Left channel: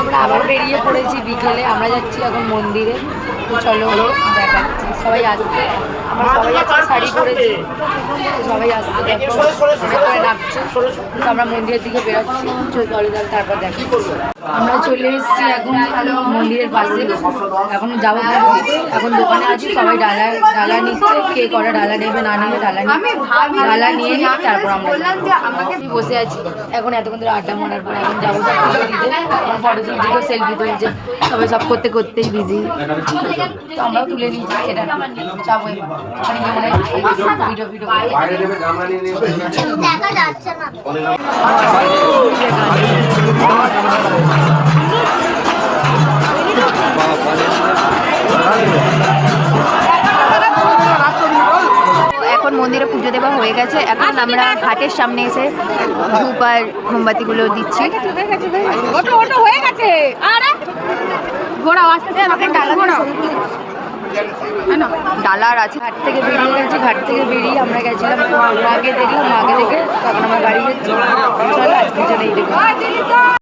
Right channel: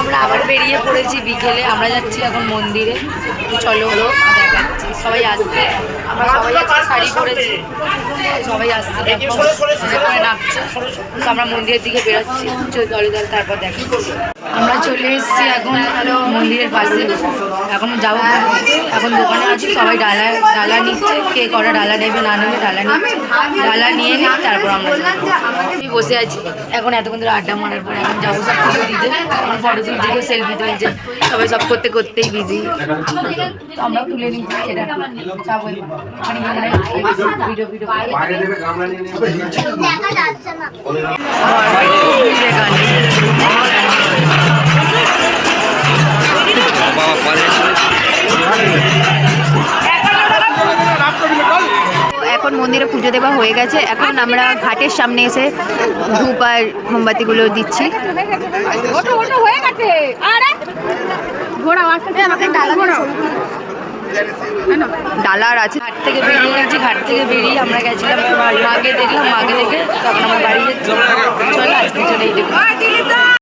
আমরা আবার বেরিয়ে পড়েছি বিকেলে, আমরা যাচ্ছি এখন মন্দিরে। চলো দেখাচ্ছি, সবাই আসছে, আমরা সবাই আজকে শাড়ি পরেছি, সবাই আসছে, দেখো করে নাচছে। আমরা মন্দিরের দিকে বেরোচ্ছি, চলো তারপর দেখি। আমরা চলে এসেছি এখন মন্দিরের পাশে, এখন যাবো, এখন দোকানে আছি, সবাই ডালা নিচ্ছে, কে কটা ডালা নেবে না নেবে ডালা নিচ্ছে, ডালা নিয়ে নিই তারপর আমরা বসে আছি। এখন এতক্ষণ ধরে আড্ডা মারার পরে এখন যাবো সব পুজো দিতে, এখন ফটো তুলছে, সেলফি তুলছে, সবাই সব করতেই বিজি, তো আমরাও তুলে নিচ্ছি। সেটা যাবো ওখানে ভিডিও এখন মন্দিরে পুজো দেওয়া হয়ে গেছে, এখন আমরা ঘাটের সামনে এসে ধূপ আর মোমবাতিগুলো দিচ্ছি। ডালার আছে। ঘাট থেকে বেরিয়ে গেছি, ঘাট থেকে বেরিয়ে আমরা গেছিলাম মাকে দেখলাম, মাকে দেখে তখন আমরা বাড়ি যাচ্ছি। চলো আজকে চলে এই